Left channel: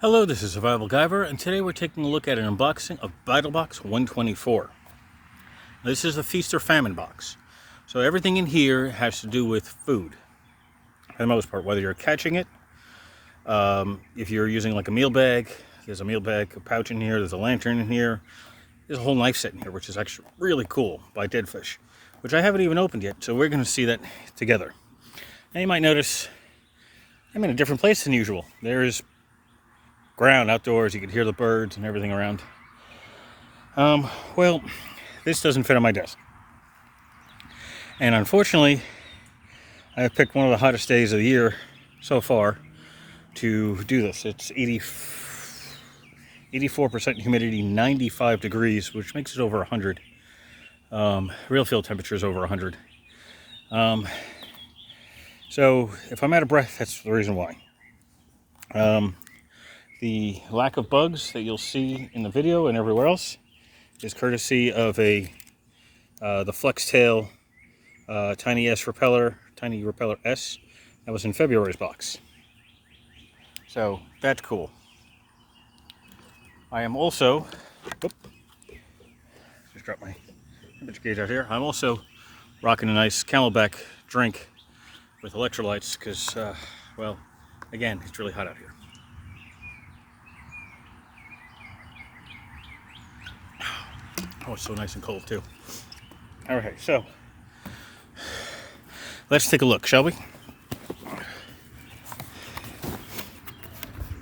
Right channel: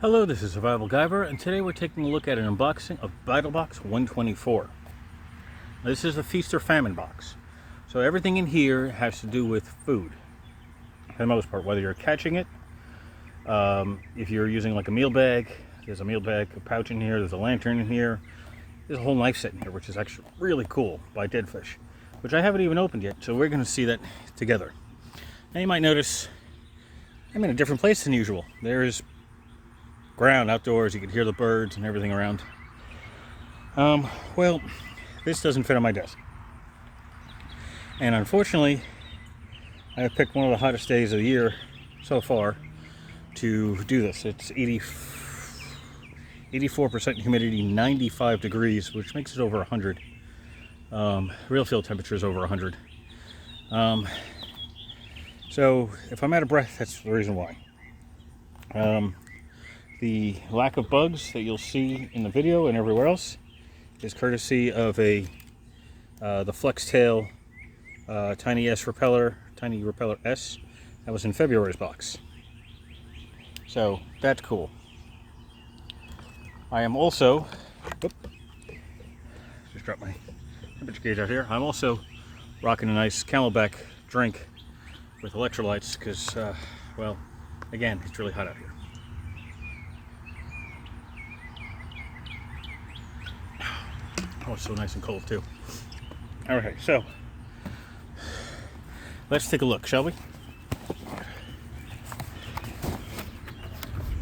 Hello, this is Survival-gyver, and today we're taking a look at an unboxing of Battlbox 124. Now, this is a feast or famine box, so everything in here has to do with food, for the most part, whether you're catching it, if you're using like a meal bag, there's a meal bag, a pouch in here, there's a lantern in here, there's a whole knife set in here, which is actually really cool, by Dead Fish, which I haven't even opened yet, so we're going to see that together. Now you might notice I'm in a different place than usual. There's ground outdoors, you can hear the birds and everything around. Well, this doesn't fit on my desk, and unfortunately I have picked one of the hottest days of the year so far to do this. It's 84% humidity, 95 degrees, which makes it over 100. Real field temperature is over 100. So if I'm out of breath, that's the reason why. The lack of bugs that you'll see in the video and everywhere else is courtesy of the Flex Tail Tiny Repeller S that was in February's box. So that's cool. I am also, just dropped my temperature gauge out here. I'm also rocking a nice Camelback drink with electrolytes because, well, again, it's really hot out here. Oh, it's so nice and cold too. All right, so let's take a look, shall we?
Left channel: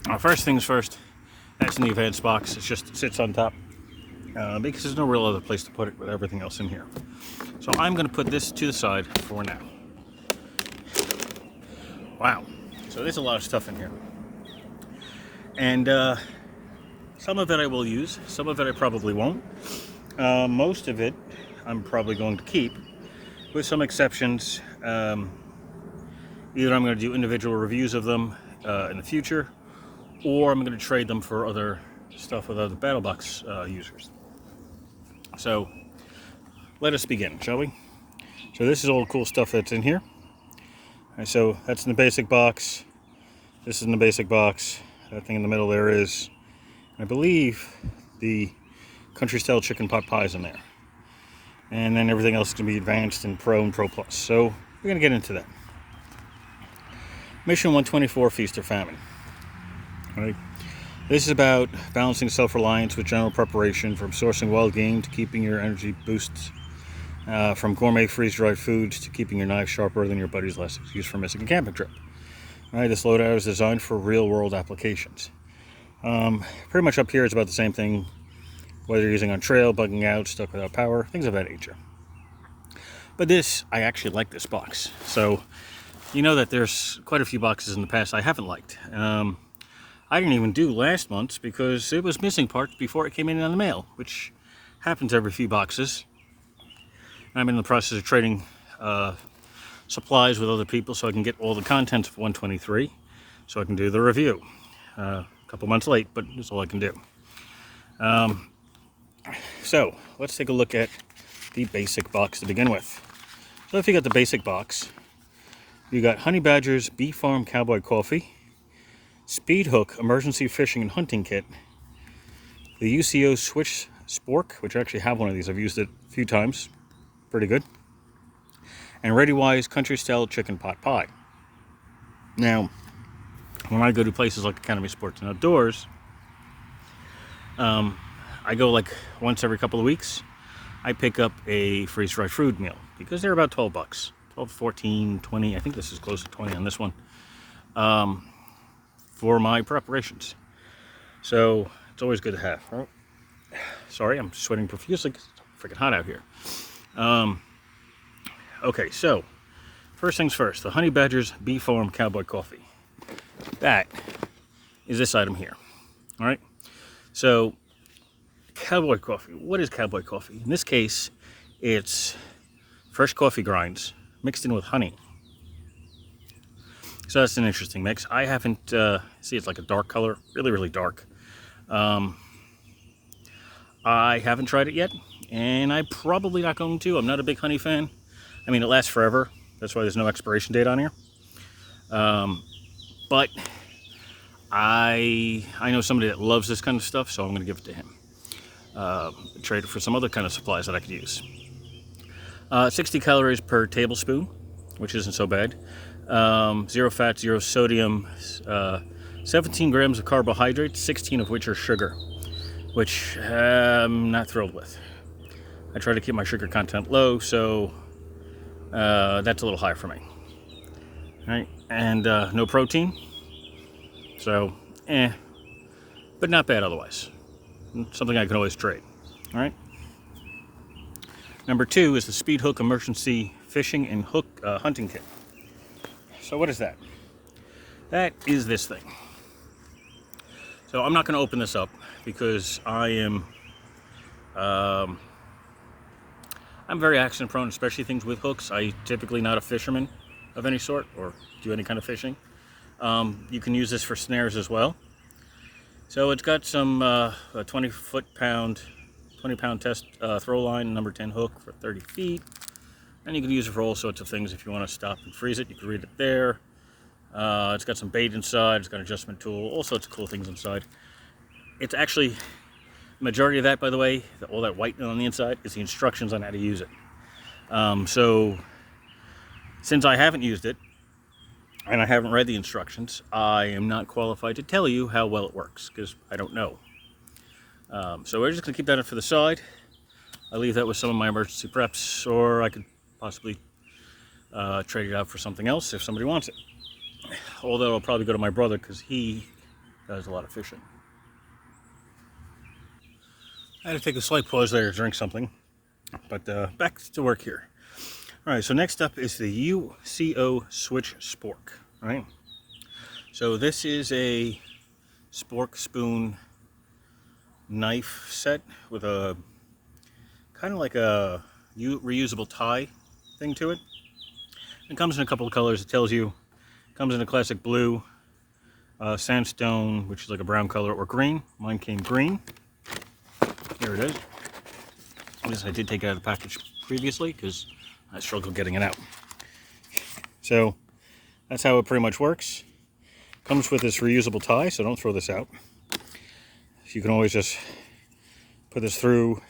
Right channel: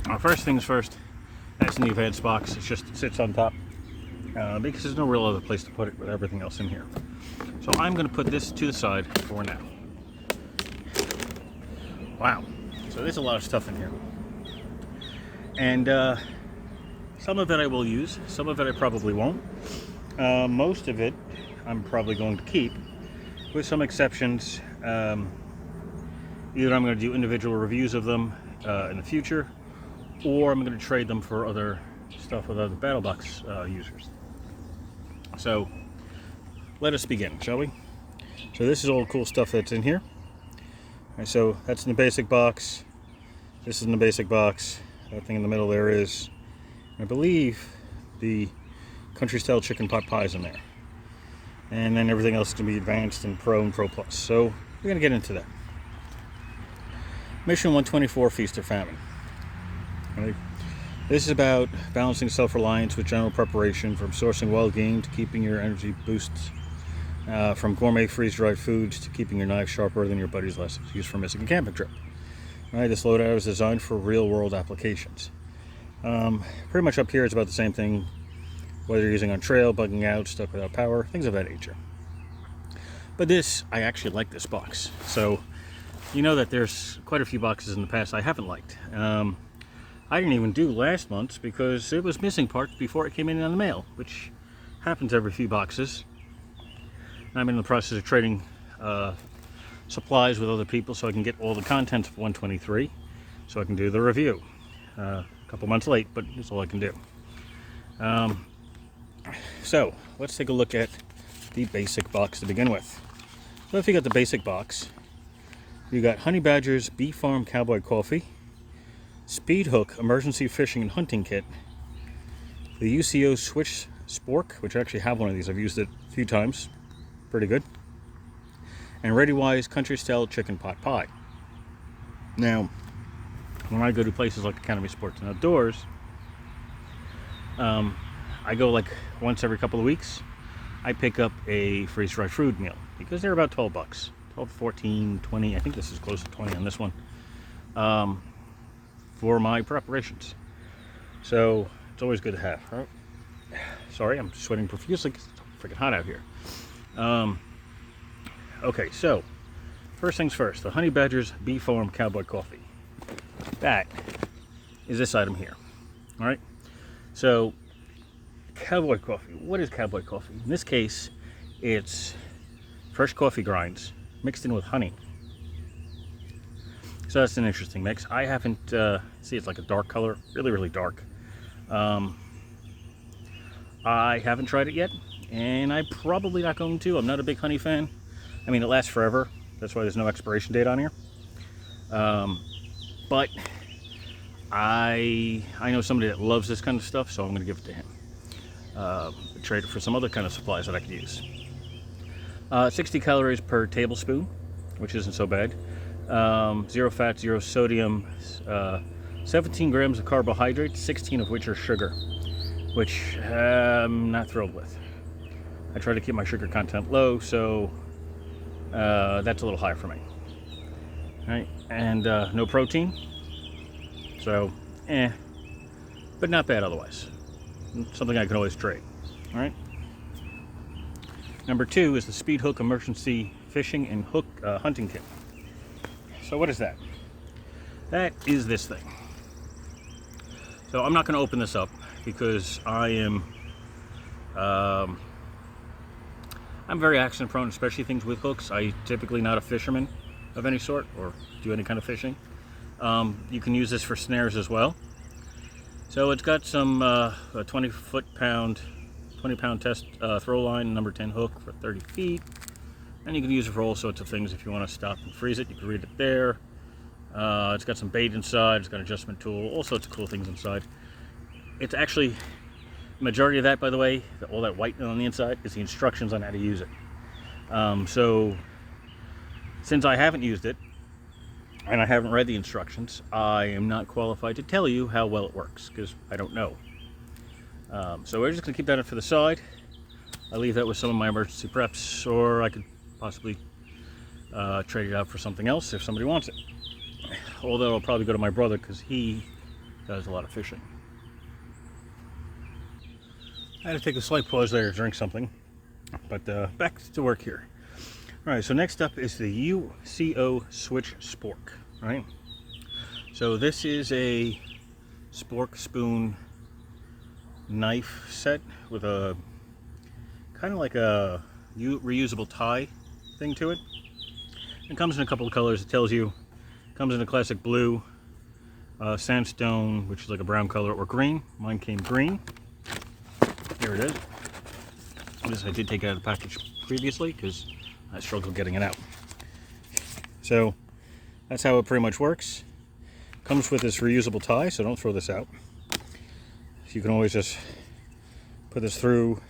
Well, first things first, that's an advanced box. It sits on top because there's no real other place to put it with everything else in here. So I'm going to put this to the side for now. Wow, so there's a lot of stuff in here. And some of it I will use, some of it I probably won't. Most of it I'm probably going to keep, with some exceptions. Either I'm going to do individual reviews of them in the future, or I'm going to trade them for other stuff with other Battlebox users. So let us begin, shall we? So this is all the cool stuff that's in here. Right, so that's in the basic box. This is in the basic box. That thing in the middle there is, I believe, the country style chicken pot pies in there. And then everything else is going to be advanced and Pro Plus. So we're going to get into that. Mission 124, Feast or Famine. All right. This is about balancing self-reliance with general preparation, from sourcing wild game to keeping your energy boosts, from gourmet freeze-dried foods to keeping your knife sharper than your buddy's last excuse for missing a camping trip. All right, this loadout is designed for real-world applications. Pretty much up here is about the same thing, whether you're using on trail, bugging out, stuck without power, things of that nature. But this, I actually like this box. So, you know that there's quite a few boxes in the past I haven't liked. I didn't even do last month's because it was missing parts before it came in the mail, which happens every few boxes. And I'm in the process of trading supplies with other people so I can get all the contents of 123, so I can do the review. A couple months late, but that's all I can do. So let's take a look at the basic box to begin with. So if you got the basic box, you got Honey Badger's Bee Farm Cowboy Coffee, Speed Hook Emergency Fishing and Hunting Kit, the UCO Switch Spork, which I actually have one of these. I've used it a few times. Pretty good. And ReadyWise Country Style Chicken Pot Pie. Now, when I go to places like Academy Sports and Outdoors, I go like once every couple of weeks. I pick up a freeze-dried food meal because they're about $12. 12, 14, 20. I think this is close to 20 on this one. For my preparations. So it's always good to have, right? Sorry, I'm sweating profusely. It's freaking hot out here. Okay, so first things first, the Honey Badger's Bee Farm Cowboy Coffee. That is this item here. All right. So cowboy coffee. What is cowboy coffee? In this case, it's fresh coffee grinds mixed in with honey. So that's an interesting mix. I haven't, see, it's like a dark color, really, really dark. I haven't tried it yet, and I'm probably not going to. I'm not a big honey fan. I mean, it lasts forever. That's why there's no expiration date on here. But I know somebody that loves this kind of stuff, so I'm going to give it to him. Trade it for some other kind of supplies that I could use. 60 calories per tablespoon, which isn't so bad. 0 fat, 0 sodium, 17 grams of carbohydrates, 16 of which are sugar, which I'm not thrilled with. I try to keep my sugar content low, so that's a little high for me. Right? And no protein, so but not bad otherwise. Something I can always trade. All right. Number 2 is the Speed Hook Emergency Fishing and Hook Hunting Kit. So what is that? That is this thing. So I'm not going to open this up because I'm very accident prone, especially things with hooks. I typically not a fisherman of any sort or do any kind of fishing. You can use this for snares as well. So it's got some a 20-pound test throw line, number 10 hook for 30 feet. And you can use it for all sorts of things. If you want to stop and freeze it, you can read it there. It's got some bait inside, it's got an adjustment tool, all sorts of cool things inside. It's actually, the majority of that, by the way, all that white on the inside, is the instructions on how to use it. So, since I haven't used it, and I haven't read the instructions, I am not qualified to tell you how well it works, because I don't know. So we're just going to keep that for the side. I leave that with some of my emergency preps, or I could possibly trade it out for something else if somebody wants it. Although I'll probably go to my brother, because he does a lot of fishing. I had to take a slight pause there to drink something, but back to work here. All right, so next up is the UCO Switch Spork, right? So this is a spork spoon knife set with a kind of like a reusable tie thing to it. It comes in a couple of colors. It tells you, comes in a classic blue, sandstone, which is like a brown color, or green. Mine came green. Here it is. I did take it out of the package previously because I struggled getting it out. So that's how it pretty much works. Comes with this reusable tie, so don't throw this out. You can always just put this through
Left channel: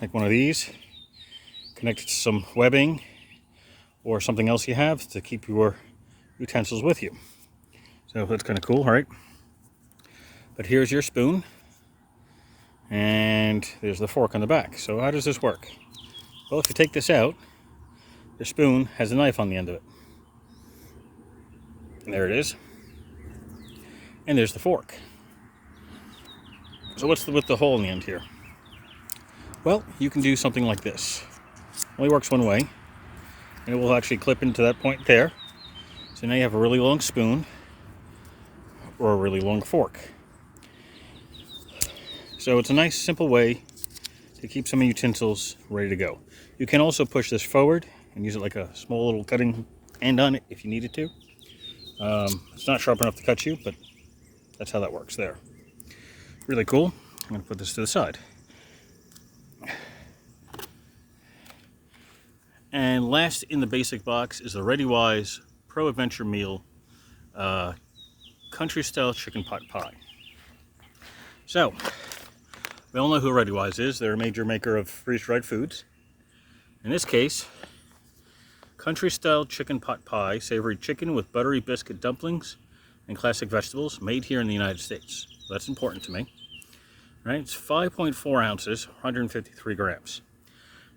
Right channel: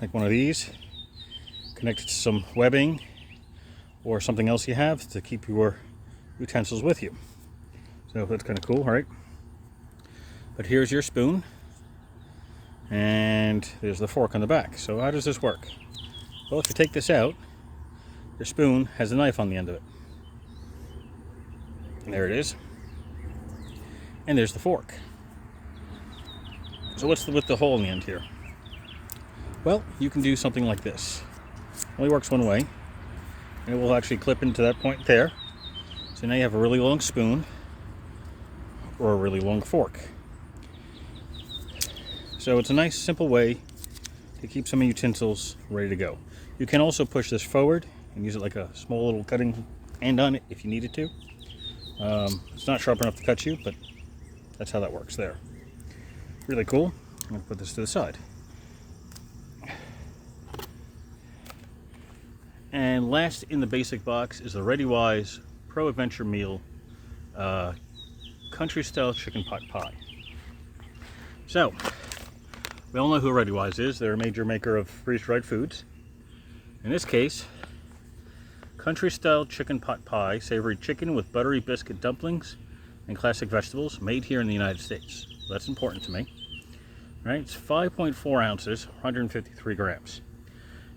like one of these, connect it to some webbing or something else you have to keep your utensils with you. So that's kind of cool, right? But here's your spoon, and there's the fork on the back. So how does this work? Well, if you take this out, the spoon has a knife on the end of it. And there it is. And there's the fork. So what's with the hole in the end here? Well, you can do something like this. Only works one way. And it will actually clip into that point there. So now you have a really long spoon or a really long fork. So it's a nice, simple way to keep some utensils ready to go. You can also push this forward and use it like a small little cutting end on it if you needed to. It's not sharp enough to cut you, but that's how that works there. Really cool. I'm going to put this to the side. And last in the basic box is the ReadyWise Pro Adventure Meal Country Style Chicken Pot Pie. So, we all know who ReadyWise is. They're a major maker of freeze-dried foods. In this case, Country Style Chicken Pot Pie, savory chicken with buttery biscuit dumplings and classic vegetables, made here in the United States. That's important to me. Right? It's 5.4 ounces, 153 grams.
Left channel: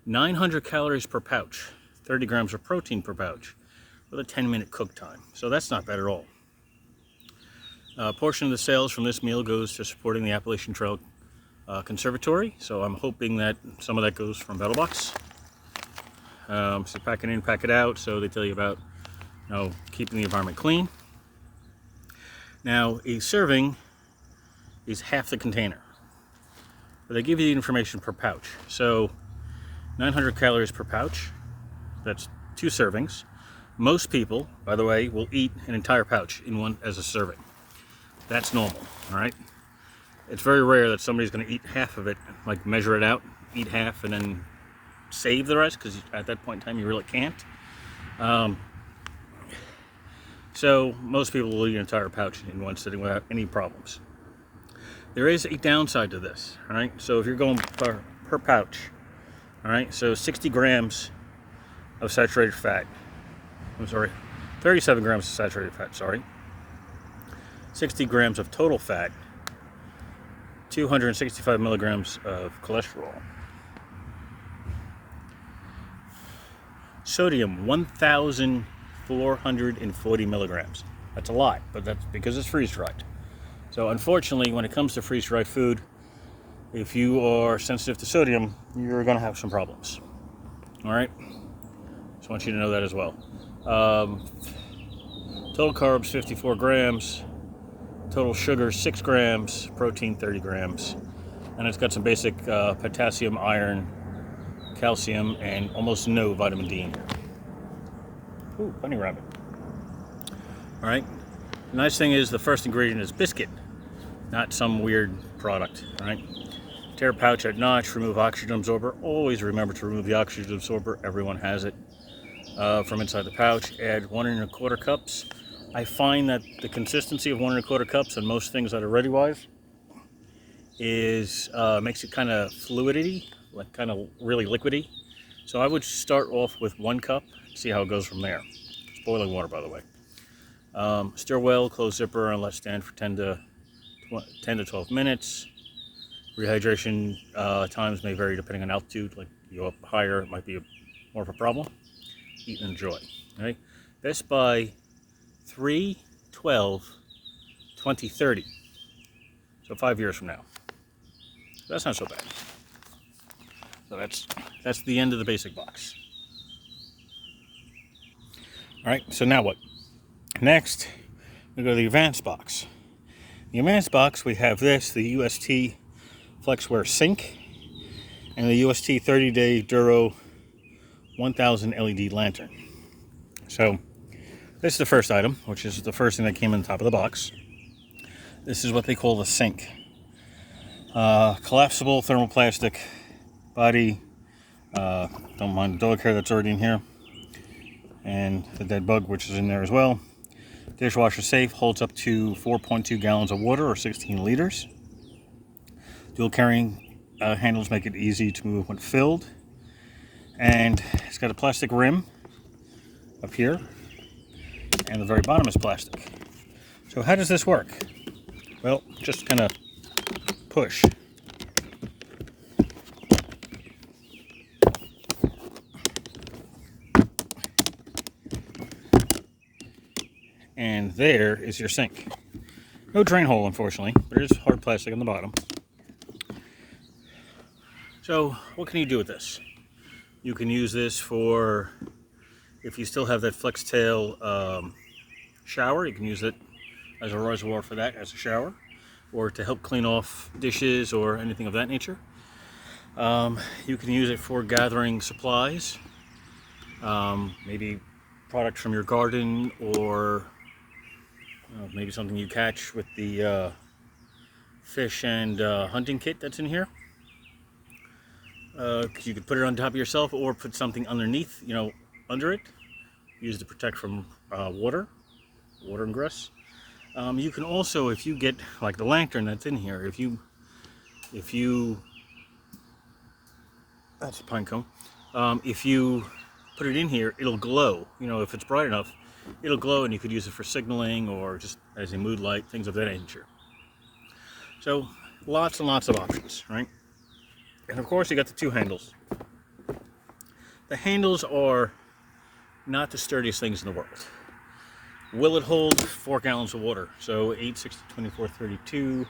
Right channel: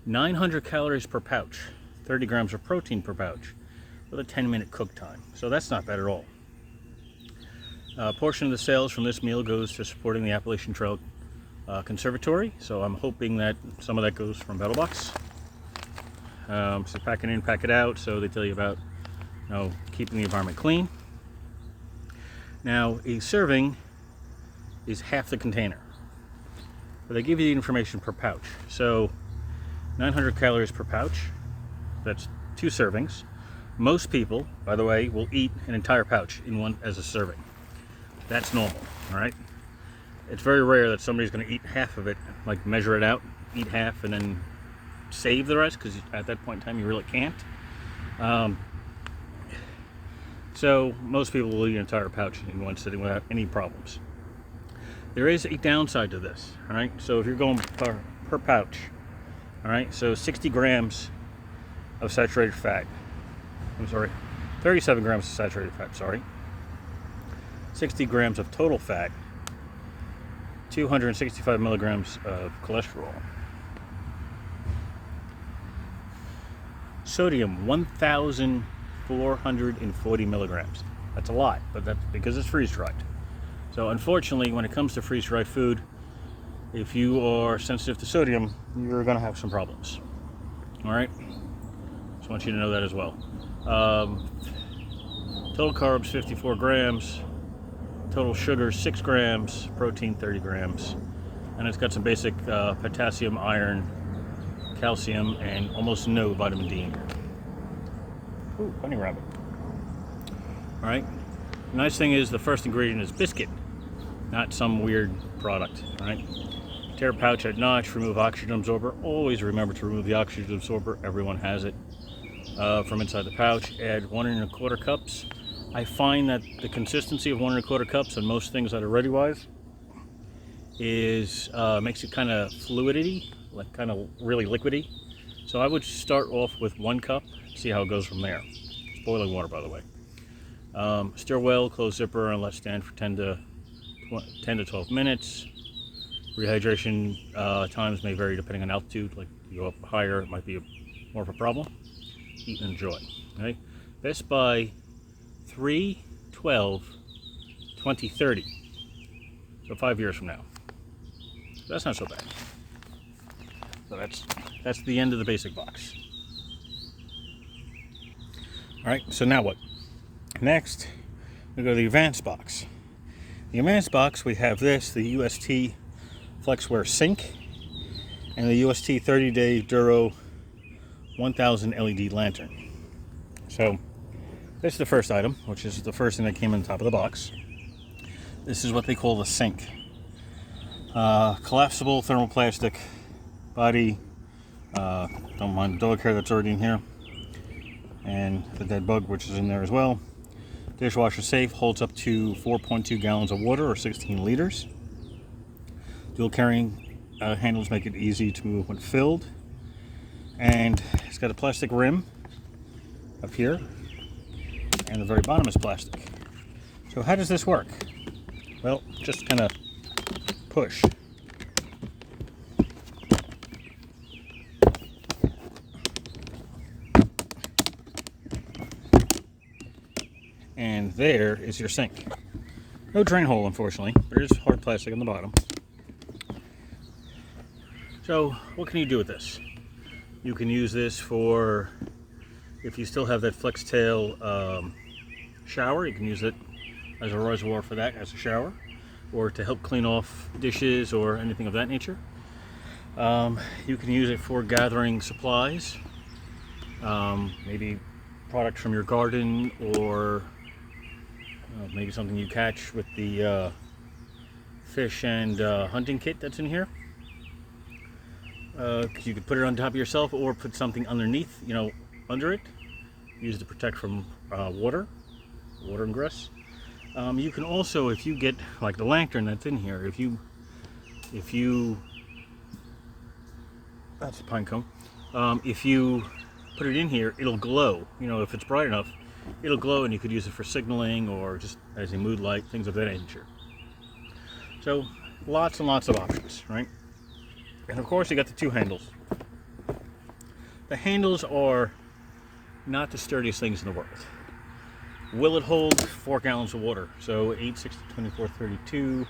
900 calories per pouch, 30 grams of protein per pouch, with a 10-minute cook time. So that's not bad at all. A portion of the sales from this meal goes to supporting the Appalachian Trail Conservatory, so I'm hoping that some of that goes from Battlbox. So pack it in, pack it out, so they tell you about, keeping the environment clean. Now, a serving is half the container, but they give you the information per pouch. So 900 calories per pouch, that's 2 servings. Most people, by the way, will eat an entire pouch in one as a serving. That's normal, all right? It's very rare that somebody's going to eat half of it, like measure it out, eat half, and then save the rest, because at that point in time you really can't. So most people will eat an entire pouch in one sitting without any problems. There is a downside to this, all right? So if you're going per pouch, all right, so 60 grams of saturated fat. I'm sorry, 37 grams of saturated fat, sorry. 60 grams of total fat, 265 milligrams of cholesterol. Sodium, 1,440 milligrams. That's a lot, but that's because it's freeze-dried. So unfortunately, when it comes to freeze-dried food, if you are sensitive to sodium, you're going to have some problems. All right? Just want you to know that as well. Total carbs, 54 grams. Total sugar, 6 grams. Protein, 30 grams. And it's got some basic potassium, iron, calcium, and almost no vitamin D. Ooh, bunny rabbit. All right. The nice thing is the first ingredient is biscuit, not some weird product. All right. Tear pouch at notch, remove oxygen absorber. Always remember to remove the oxygen absorber. Everyone has it from inside the pouch. Add 1 1/4 cups. I find that the consistency of 1 1/4 cups and most things that are ready-wise is makes it kind of fluidy, like kind of really liquidy. So I would start off with 1 cup, see how it goes from there. It's boiling water, by the way. Stir well, close zipper, and let stand for 10 to 12 minutes. Rehydration times may vary depending on altitude. Like you go up higher, it might be more of a problem. Eat and enjoy. Okay? Best by 3/12/2030. So 5 years from now. That's not so bad. So that's the end of the basic box. All right. So now what? Next, we go to the advanced box. In the advanced box, we have this: the UST Flexware Sink and the UST 30-day Duro 1000 LED lantern. So this is the first item, which is the first thing that came on the top of the box. This is what they call the sink. Collapsible thermoplastic body. Don't mind the dog hair that's already in here. And the dead bug, which is in there as well. Dishwasher safe, holds up to 4.2 gallons of water or 16 liters. Dual carrying handles make it easy to move when filled. And it's got a plastic rim up here, and the very bottom is plastic. So how does this work? Well, just kind of push. And there is your sink. No drain hole, unfortunately, but it is hard plastic on the bottom. So what can you do with this? You can use this for, if you still have that flex tail shower, you can use it as a reservoir for that, as a shower, or to help clean off dishes or anything of that nature. You can use it for gathering supplies, maybe products from your garden, or maybe something you catch with the fish and hunting kit that's in here. You could put it on top of yourself, or put something underneath, under it. Use to protect from water and grass. You can also, if you get like the lantern that's in here, if you that's a pine cone. If you put it in here, it'll glow. If it's bright enough, it'll glow, and you could use it for signaling or just as a mood light, things of that nature. So lots and lots of options, right? And of course, you got the 2 handles. The handles are not the sturdiest things in the world. Will it hold 4 gallons of water? So 8, 6, 24, 32,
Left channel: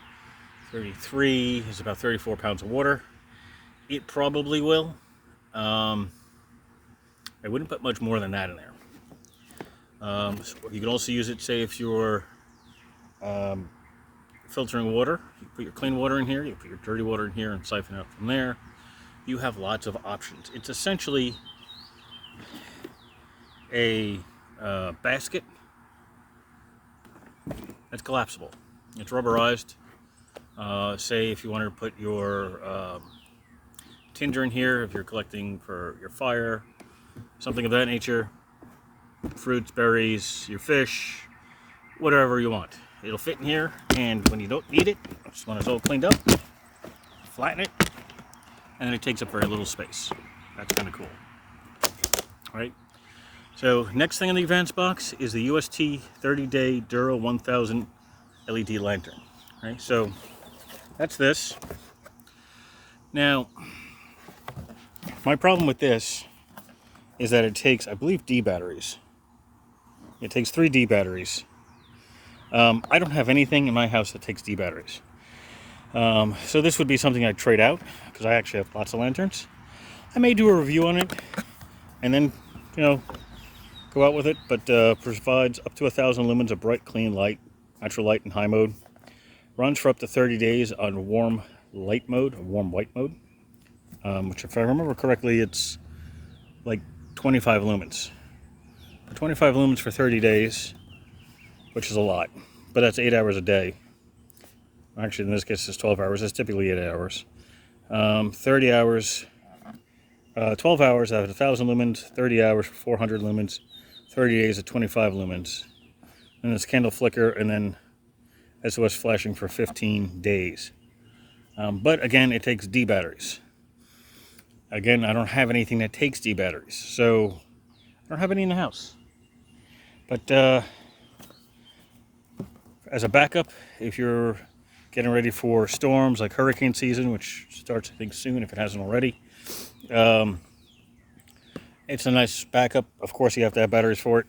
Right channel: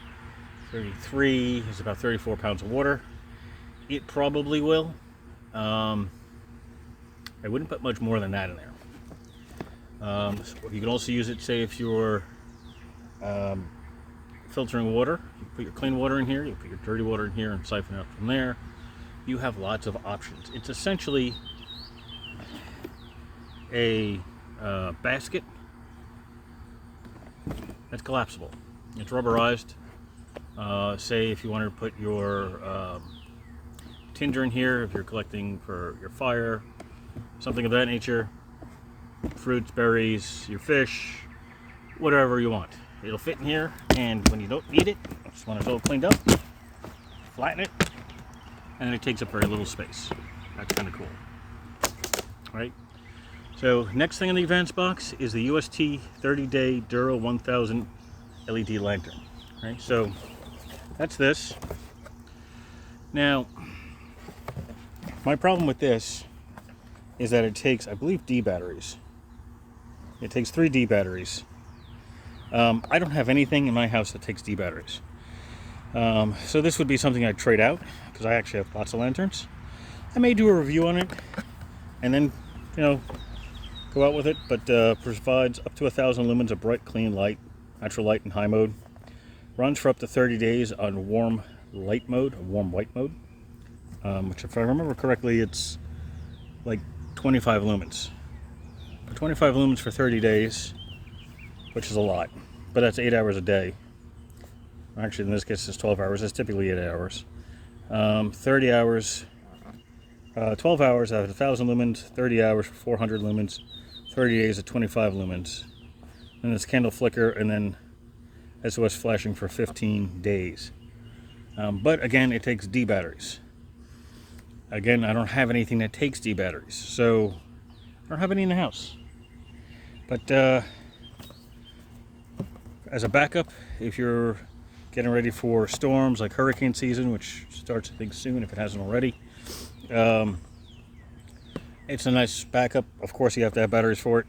33 is about 34 pounds of water. It probably will. I wouldn't put much more than that in there. So you can also use it, say, if you're filtering water. You put your clean water in here, you put your dirty water in here, and siphon out from there. You have lots of options. It's essentially a basket that's collapsible. It's rubberized. Say if you wanted to put your tinder in here, if you're collecting for your fire, something of that nature, fruits, berries, your fish, whatever you want. It'll fit in here, and when you don't need it, just when it's all cleaned up, flatten it, and it takes up very little space. That's kind of cool. All right. So next thing in the advanced box is the UST 30-day Dura 1000 LED lantern. Right. So that's this. Now, my problem with this is that it takes, I believe, D batteries. It takes 3 D batteries. I don't have anything in my house that takes D batteries. So this would be something I'd trade out, because I actually have lots of lanterns. I may do a review on it, and then, go out with it, but provides up to 1,000 lumens of bright, clean light, natural light in high mode. Runs for up to 30 days on warm light mode, or warm white mode, which, if I remember correctly, it's like 25 lumens. 25 lumens for 30 days, which is a lot, but that's 8 hours a day. Actually, in this case, it's 12 hours. It's typically 8 hours. 30 hours, 12 hours out of 1,000 lumens, 30 hours for 400 lumens, 30 days at 25 lumens. And this candle flicker, and then SOS flashing for 15 days. But again, it takes D batteries. Again, I don't have anything that takes D batteries, so I don't have any in the house. But as a backup, if you're getting ready for storms like hurricane season, which starts, I think, soon if it hasn't already, it's a nice backup. Of course, you have to have batteries for it.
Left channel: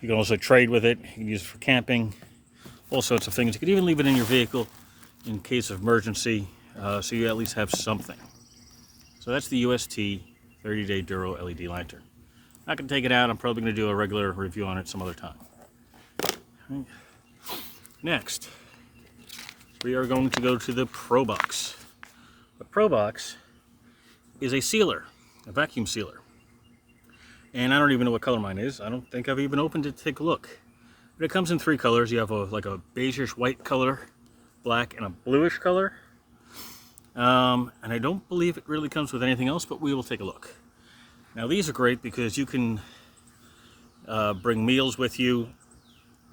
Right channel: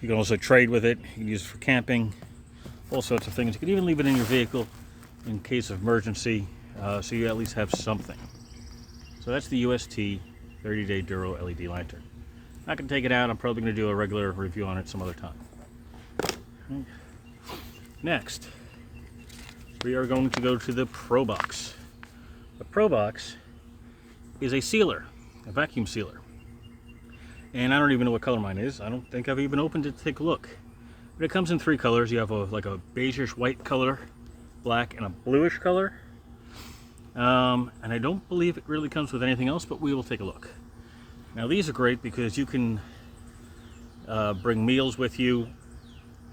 You can also trade with it. You can use it for camping, all sorts of things. You could even leave it in your vehicle in case of emergency, so you at least have something. So that's the UST 30-day Duro LED lantern. I can take it out. I'm probably going to do a regular review on it some other time. Next, we are going to go to the Pro Box. The Pro Box is a sealer, a vacuum sealer. And I don't even know what color mine is. I don't think I've even opened it to take a look. But it comes in 3 colors. You have like a beigeish white color, black, and a bluish color. And I don't believe it really comes with anything else, but we will take a look. Now, these are great because you can bring meals with you.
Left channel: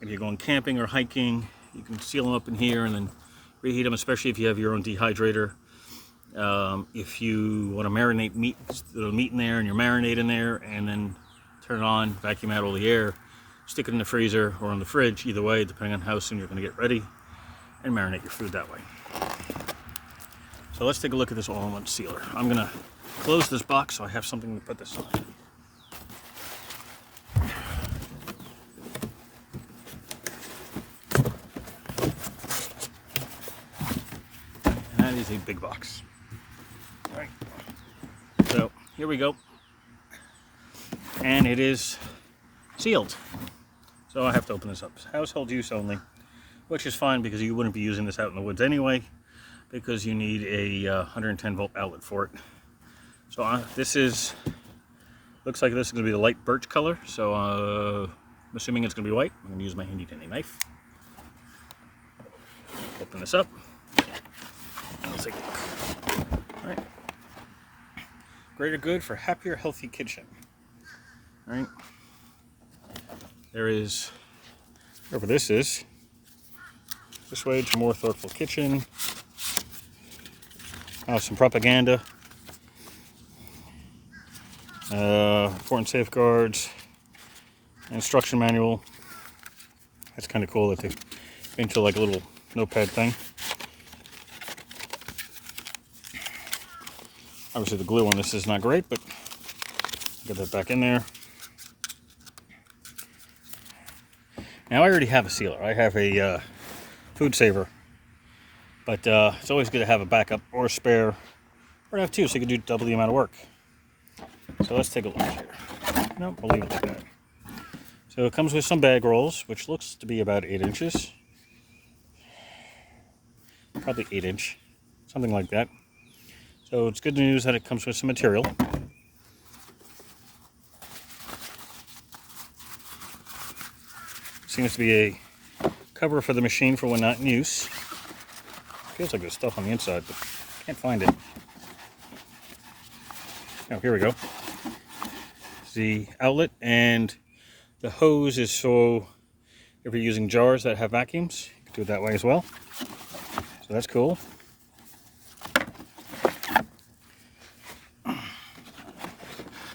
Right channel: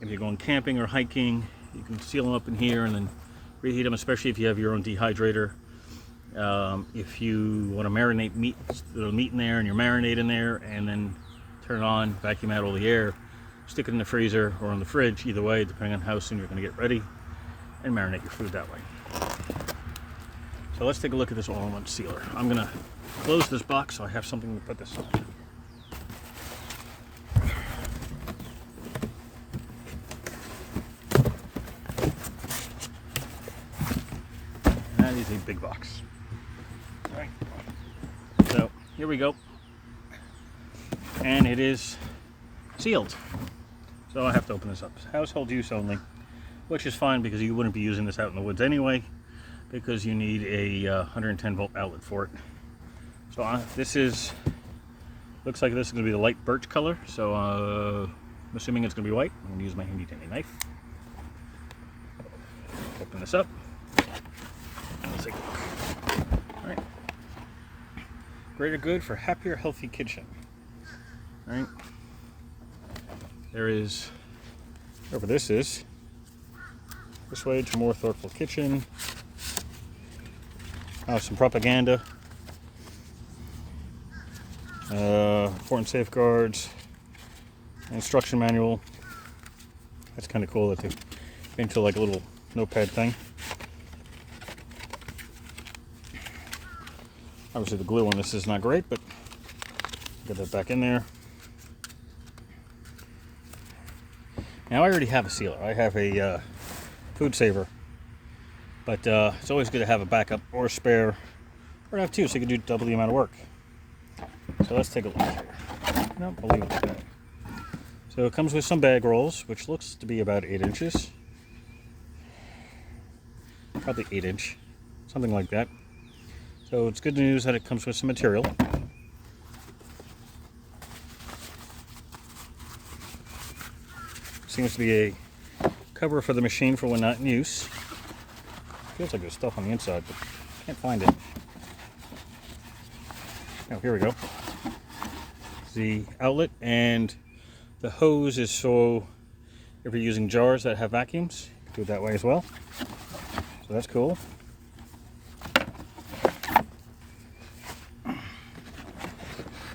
If you're going camping or hiking, you can seal them up in here and then reheat them, especially if you have your own dehydrator. If you want to marinate meat in there, and you're marinating there, and then turn it on, vacuum out all the air, stick it in the freezer or in the fridge, either way, depending on how soon you're going to get ready, and marinate your food that way. So let's take a look at this all-in-one sealer. I'm going to close this box so I have something to put this on. That is a big box. All right. So here we go. And it is sealed. So I have to open this up. Household use only, which is fine because you wouldn't be using this out in the woods anyway, because you need a 110 volt outlet for it. So this looks like this is going to be the light birch color, so I'm assuming it's going to be white. I'm going to use my handy dandy knife. Open this up. Let's take a look. All right. Greater good for happier, healthy kitchen. All right. There is, whatever this is, this way to more thoughtful kitchen. Some propaganda, important safeguards, instruction manual. That's kind of cool that they into like a little notepad thing. Obviously the glue on this is not great, but get that back in there. Now I already have a sealer. I have a food saver. But it's always good to have a backup or a spare, or to have 2 so you can do double the amount of work. So let's take a look here. Nope, we'll leave it like that. So it comes with some bag rolls, which looks to be about 8 inches. Probably 8 inch, something like that. So it's good news that it comes with some material. Seems to be a cover for the machine for when not in use. Feels like there's stuff on the inside, but can't find it. Oh, here we go. The outlet and The hose is so if you're using jars that have vacuums, you can do it that way as well. So that's cool.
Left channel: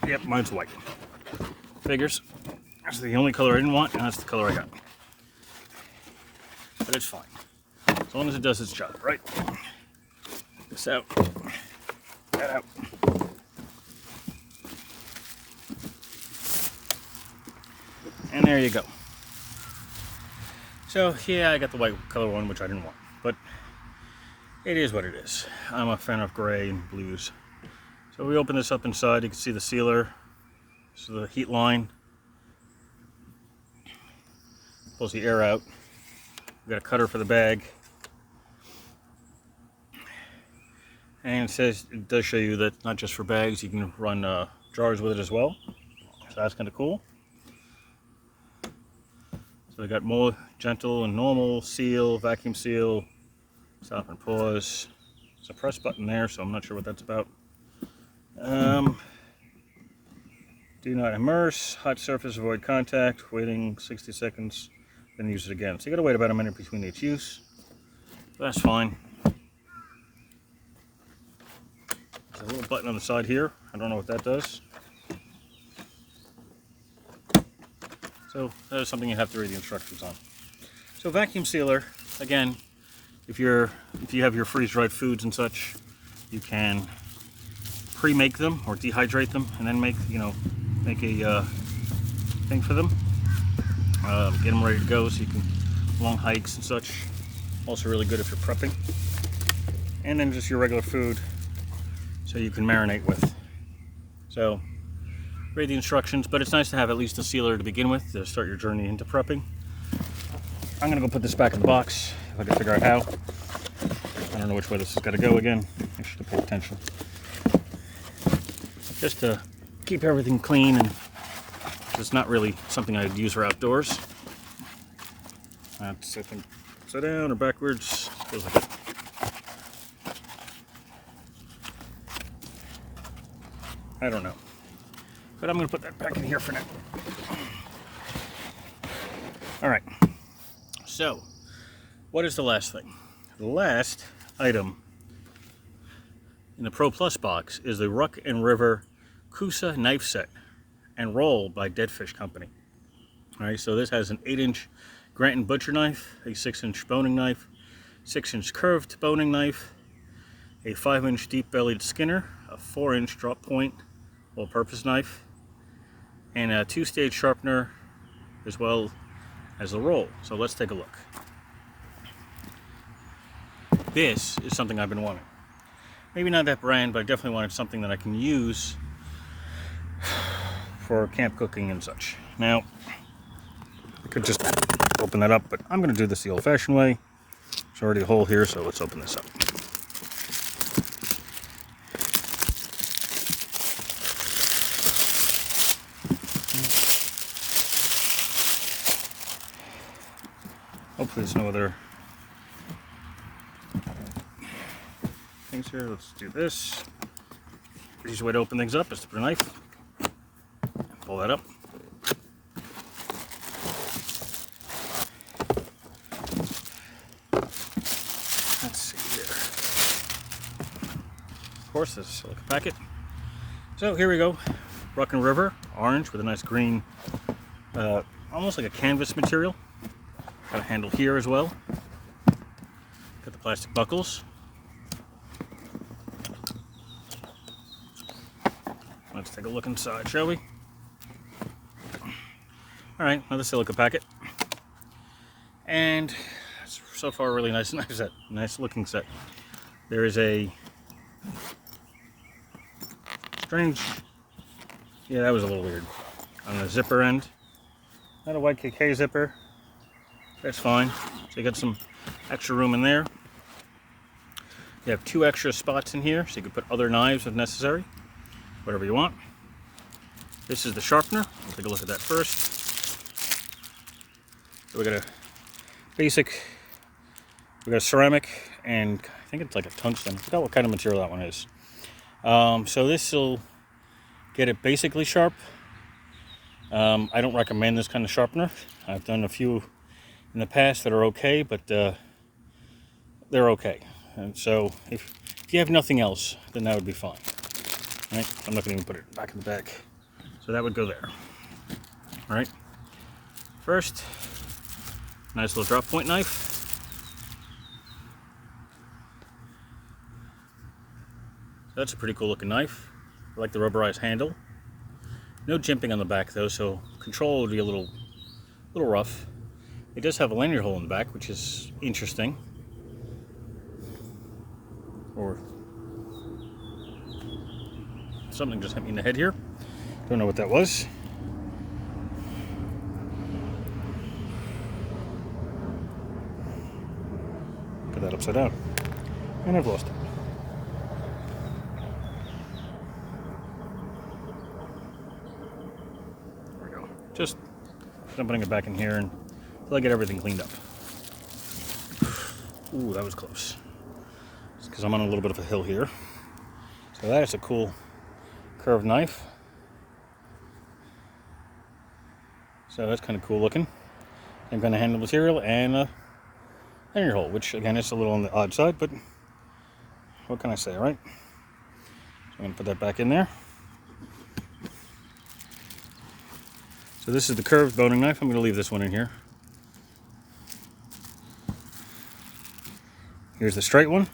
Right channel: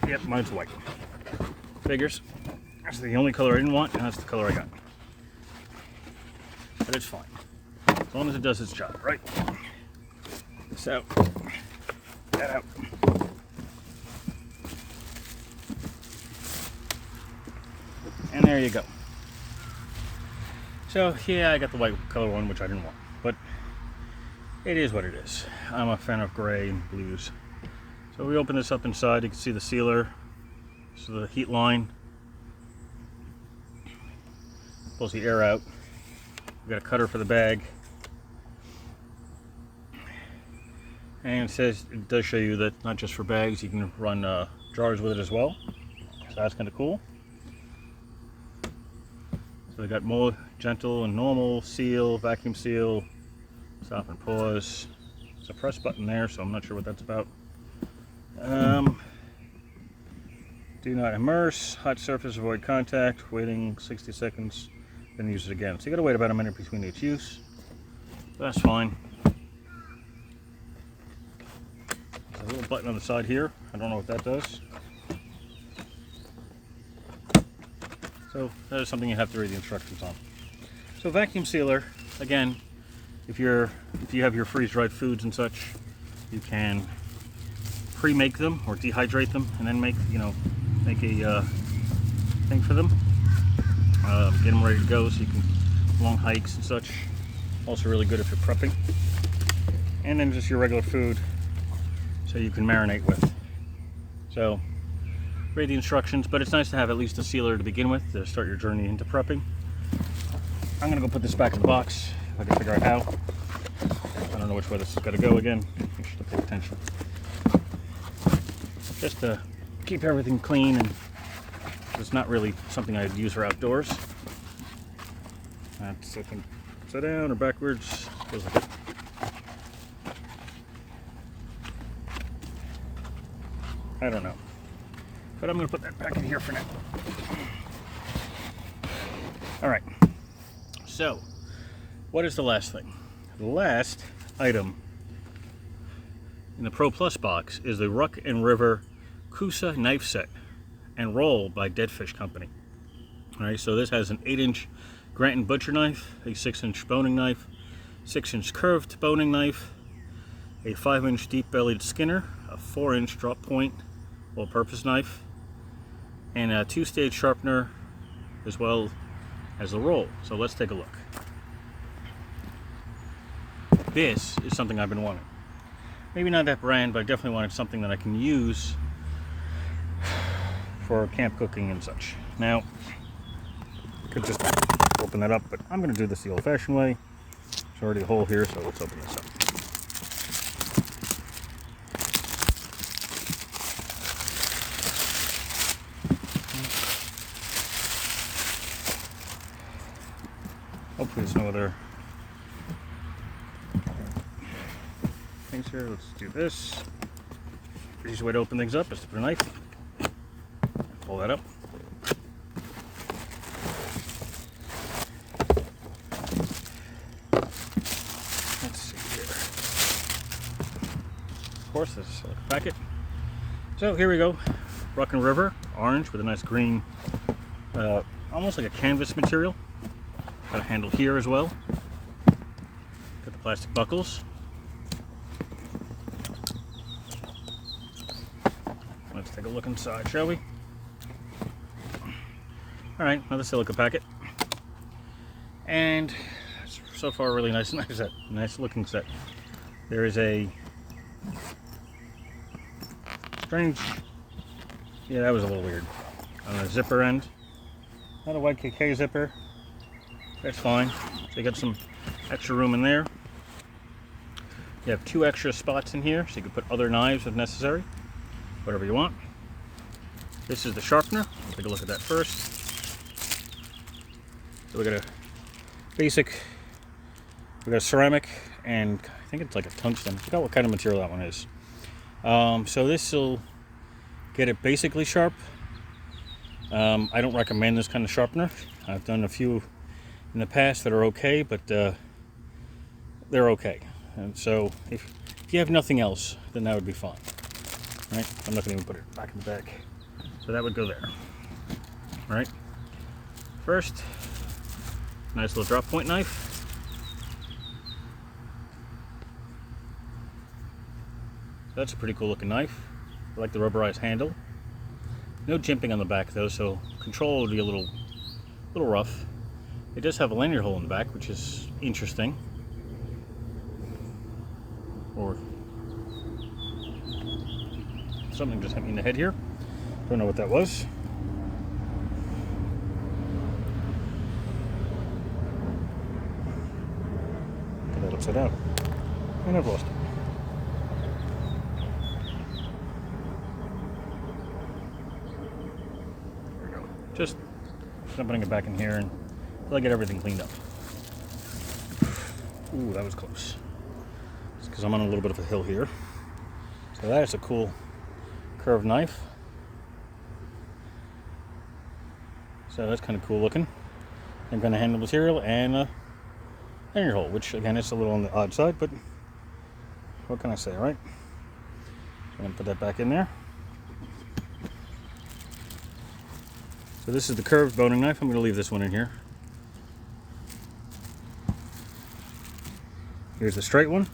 Yep, mine's white. Figures. That's the only color I didn't want, and that's the color I got. But it's fine. As long as it does its job, right? This out. That out. And there you go. So, yeah, I got the white color one, which I didn't want. But it is what it is. I'm a fan of gray and blues. So we open this up inside. You can see the sealer. So the heat line pulls the air out. We got a cutter for the bag. And it does show you that not just for bags, you can run jars with it as well. So that's kind of cool. So we got more gentle and normal, seal, vacuum seal, stop and pause. There's a press button there, so I'm not sure what that's about. Do not immerse, hot surface, avoid contact, waiting 60 seconds, then use it again. So you gotta wait about a minute between each use. That's fine. There's a little button on the side here. I don't know what that does. So that is something you have to read the instructions on. So vacuum sealer, again, if you have your freeze-dried foods and such, you can pre-make them or dehydrate them and then make a thing for them. Get them ready to go so you can long hikes and such. Also really good if you're prepping. And then just your regular food so you can marinate with. So read the instructions, but it's nice to have at least a sealer to begin with to start your journey into prepping. I'm gonna go put this back in the box if I can figure out how. I don't know which way this has got to go again. I should have paid attention. Just to keep everything clean, and it's not really something I'd use for outdoors. That's, I think, upside down or backwards. Feels like it. I don't know. But I'm going to put that back in here for now. Alright. So, what is the last thing? The last item in the Pro Plus box is the Ruck and River Kusa knife set and roll by Dead Fish Company. Alright, so this has an 8-inch Granton butcher knife, a 6-inch boning knife, 6-inch curved boning knife, a 5-inch deep-bellied skinner, a 4-inch drop point all-purpose knife, and a 2-stage sharpener, as well as the roll. So let's take a look. This is something I've been wanting. Maybe not that brand, but I definitely wanted something that I can use for camp cooking and such. Now, I could just open that up, but I'm going to do this the old-fashioned way. There's already a hole here, so let's open this up. Hopefully there's no other things here. Let's do this. The easiest way to open things up is to put a knife. Pull that up. Let's see here. Of course, this packet. So here we go. Ruck and River, orange with a nice green, almost like a canvas material. Got a handle here as well. Got the plastic buckles. Let's take a look inside, shall we? Alright, another silica packet. And so far, really nice set. Nice looking set. There is a strange, yeah, that was a little weird. On a zipper end. Not a white KK zipper. That's fine. So you got some extra room in there. You have 2 extra spots in here, so you can put other knives if necessary. Whatever you want. This is the sharpener. Take a look at that first. So we got a basic, we got a ceramic, and I think it's like a tungsten. I forgot what kind of material that one is. So this will get it basically sharp. I don't recommend this kind of sharpener. I've done a few in the past that are okay, but they're okay. And so if you have nothing else, then that would be fine. Right? I'm not going to even put it back in the back. So that would go there. All right. First, nice little drop point knife. That's a pretty cool looking knife. I like the rubberized handle. No jimping on the back though, so control would be a little rough. It does have a lanyard hole in the back, which is interesting. Or something just hit me in the head here. Don't know what that was. Get that upside down. And I've lost it. There we go. Just putting it back in here until I get everything cleaned up. Ooh, that was close. It's because I'm on a little bit of a hill here. So that is a cool curved knife. So that's kind of cool looking. I'm going to handle material and a lanyard hole, which again is a little on the odd side, but what can I say, right? So I'm going to put that back in there. So this is the curved boning knife. I'm going to leave this one in here. Here's the straight one.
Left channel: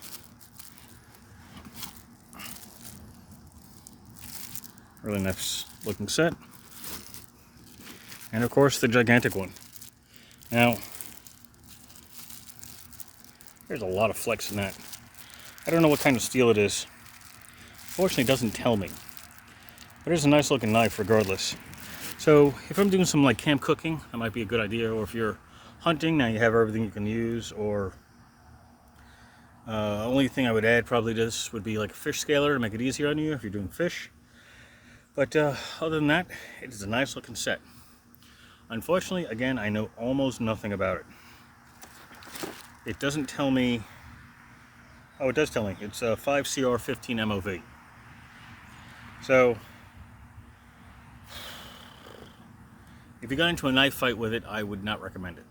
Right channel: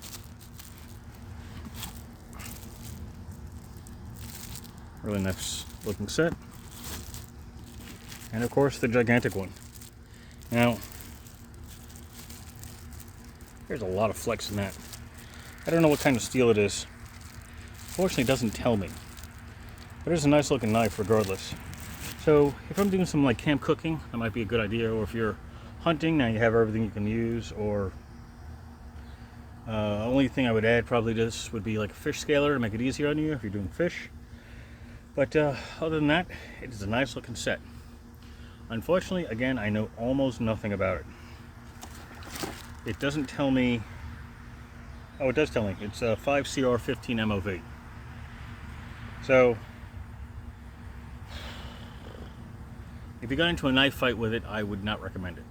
Really nice looking set. And of course the gigantic one. Now, there's a lot of flex in that. I don't know what kind of steel it is. Fortunately, it doesn't tell me. But it's a nice looking knife regardless. So if I'm doing some like camp cooking, that might be a good idea. Or if you're hunting, now you have everything you can use. Or only thing I would add probably to this would be like a fish scaler to make it easier on you if you're doing fish. But other than that, it's a nice looking set. Unfortunately, again, I know almost nothing about it. It doesn't tell me. Oh, it does tell me. It's a 5CR15 MOV. So, if you got into a knife fight with it, I would not recommend it.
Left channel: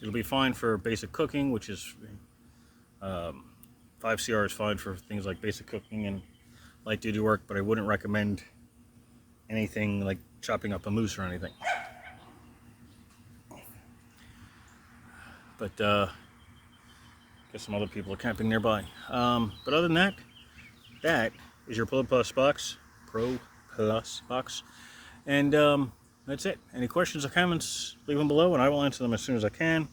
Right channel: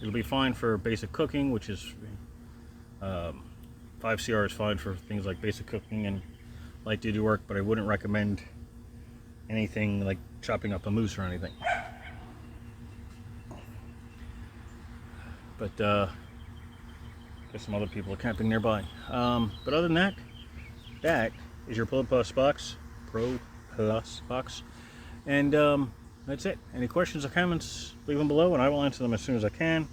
It'll be fine for basic cooking, which is 5CR is fine for things like basic cooking and light duty work, but I wouldn't recommend anything like chopping up a moose or anything. But I guess some other people are camping nearby. But other than that, that is your Pro Plus box. And that's it. Any questions or comments, leave them below and I will answer them as soon as I can.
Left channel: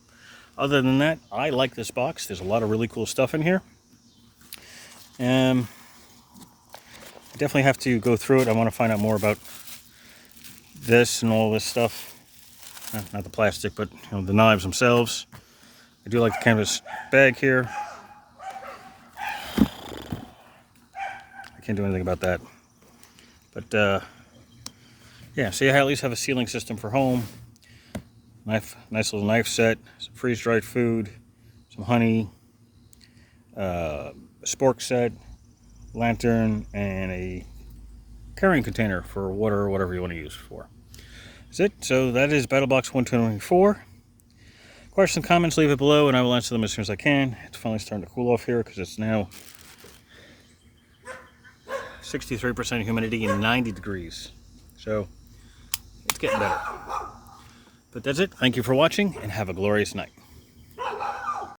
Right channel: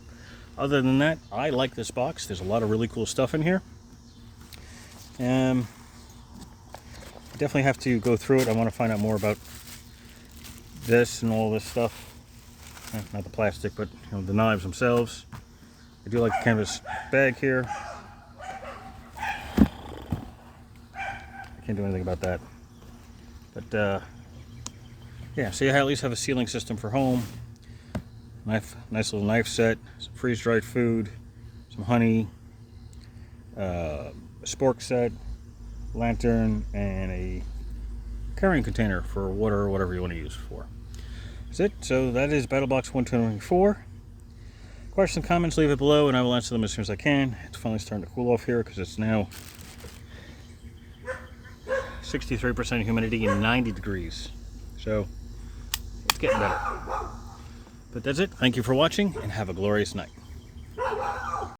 Other than that, I like this box. There's a lot of really cool stuff in here. Definitely have to go through it. I want to find out more about this and all this stuff. Not the plastic, but the knives themselves. I do like the canvas bag here. I can't do anything about that. But yeah, so you at least have a sealing system for home. Nice little knife set, some freeze-dried food, some honey, a spork set, lantern, and a carrying container for water or whatever you want to use it for. That's it. So that is Battlbox 124. Questions, comments, leave it below and I will answer them as soon as I can. It's finally starting to cool off here because it's now 63% humidity and 90 degrees. So it's getting better. But that's it. Thank you for watching and have a glorious night.